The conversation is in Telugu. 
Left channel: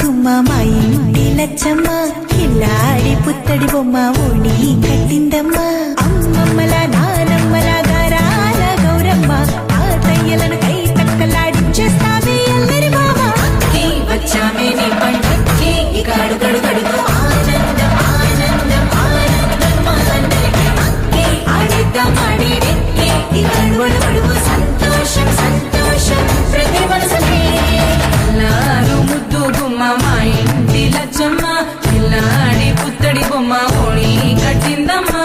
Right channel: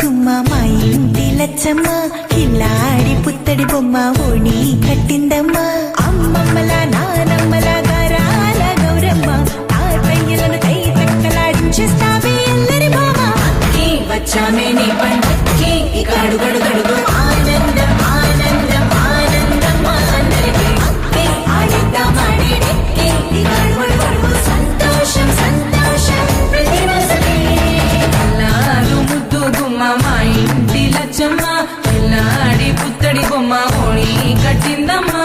గుమ్మ మా ఇంటి లచ్చమ్మ కిల్లాడి పుత్తడి బొమ్మ ఓణి కట్టిందమ్మ అమ్మమ్మల నానమ్మల గారాల గౌరమ్మ తాతయ్యలను కై తట్టలాడించేస్తావే అందరి బావ వచ్చామే నీ పండుకి గడు గడు గడుగు ఆనందం ఆనందం ఆనందం అందరికీ ఆడిద్దాం ఆడిడే గడు గడు గడుగు సంతోషం సంతోషం ప్రతి మనసుకి అల్లారు ముద్దు గుమ్మ మా ఇంటి లచ్చమ్మ పిల్లాడి పుత్తడి బొమ్మ ఓణి కట్టిందమ్మా